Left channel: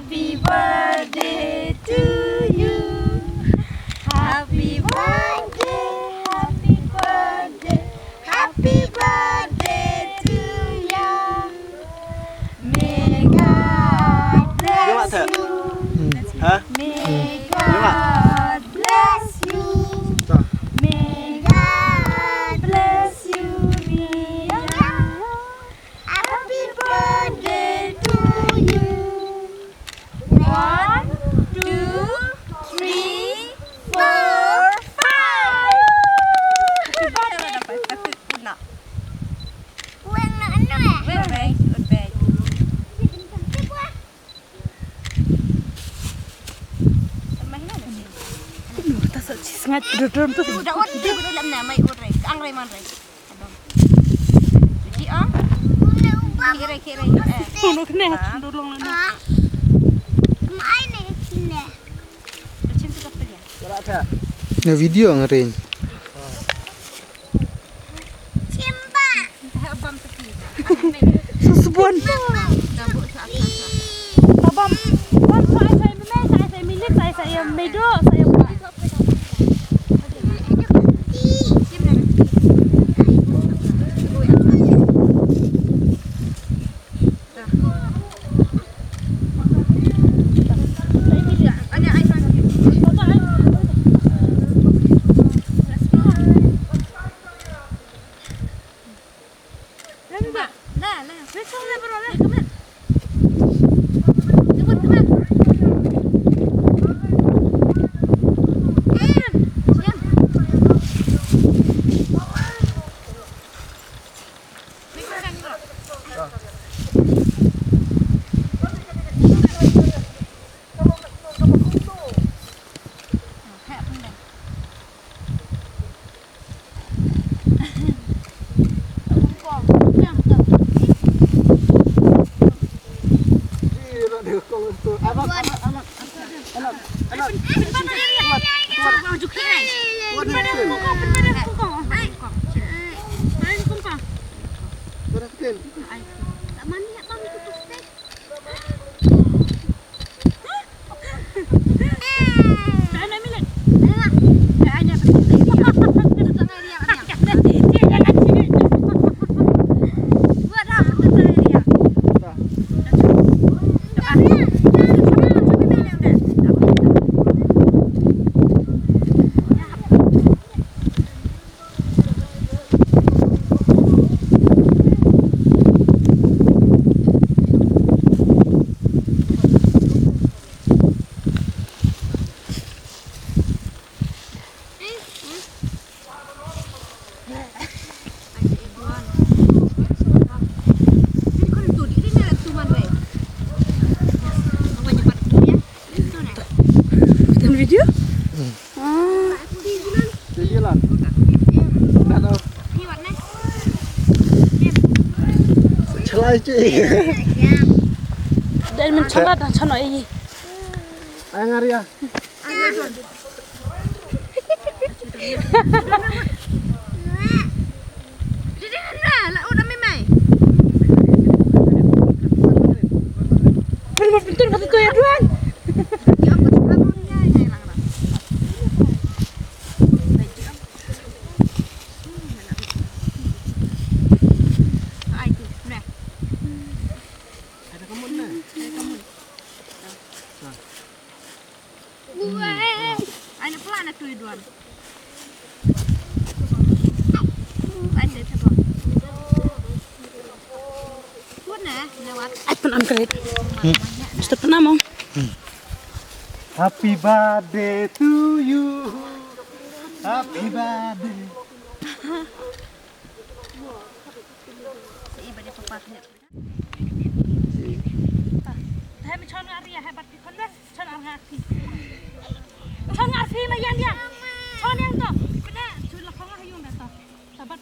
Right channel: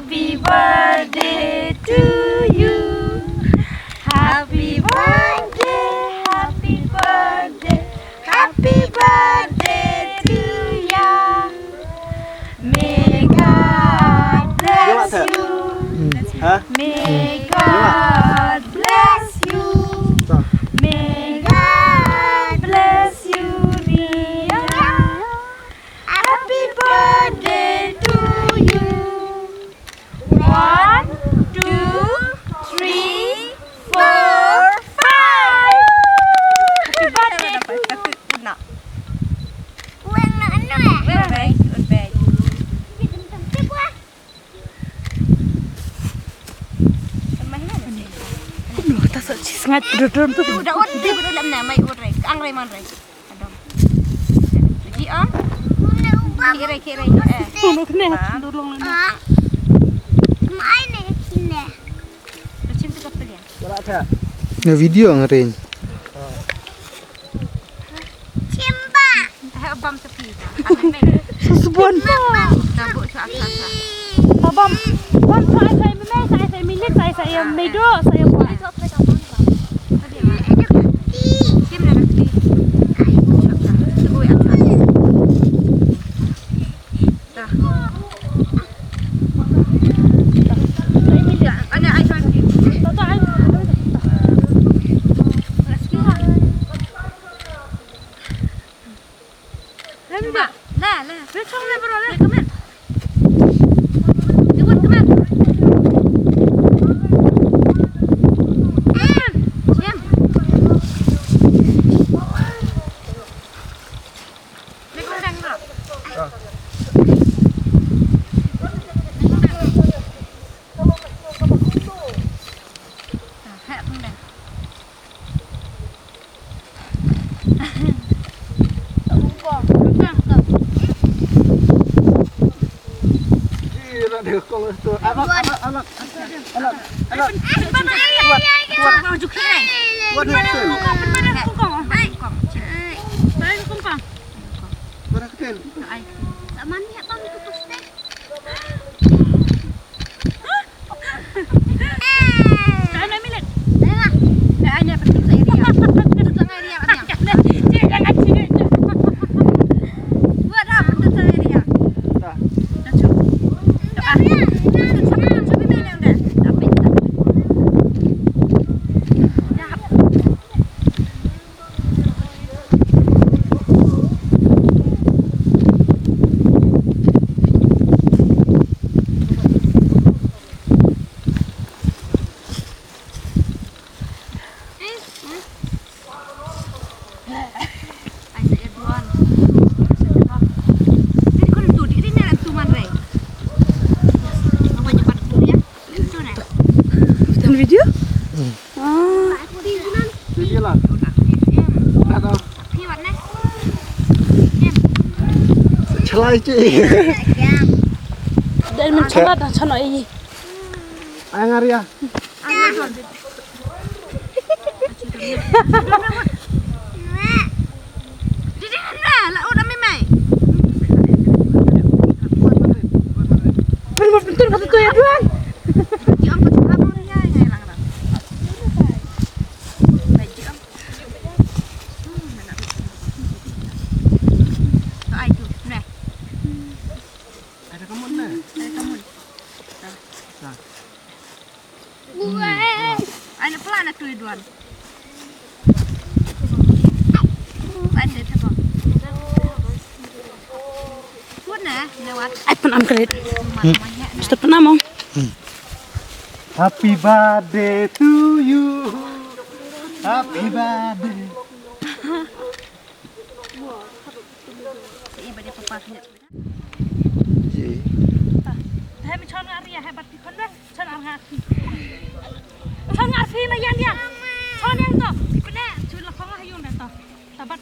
Happy birthday to you. Happy birthday, happy birthday, happy birthday to you. May God bless you. May God bless you. May God bless you, dear. Happy birthday to you. 1, 2, 3, 4, 5. Happy birthday to you. Uang nak anu Well, very good, very good. Aduh, tak sih sengat duduk tu. Udah dia udah lam na mai urai. Ang rai man rai. Adom. Ji ah. Kira. Tolong kena, tolong ni. Mai ni kini. Macam tu kapal ya. Na video ngarin. Cimba. Hai abam tepi ta. Sesubuan. Tabuk sa. Abang, bang saya memang saya milik saya medo saya buat. Kim na nanti. Subuh ya. Dah. Saya milik. Ana ai fan ki. Lah. Besok lah baru lah. Come on. Come on. Siam. Ni kau dah ni. Hak pun dah. Video? Video lah. Nak tahu. Celai cik. Dan mencoba dah cana ini. Ayang Arya. Bentar kata tu ya Tuan. Ada kamu na. Ana pelan tu Duan. Ada apa? Puan lewat. Penam kredit. Sudah penam mau. Happy birthday to you. Happy birthday. Iba dia papa punya. Dah macam Arya hebat di kon dah. Chan Arfi. Chan Arfi lah yang dia. Chan yang tu. Kena, cuy lah kau lah yang dah tu. Tabat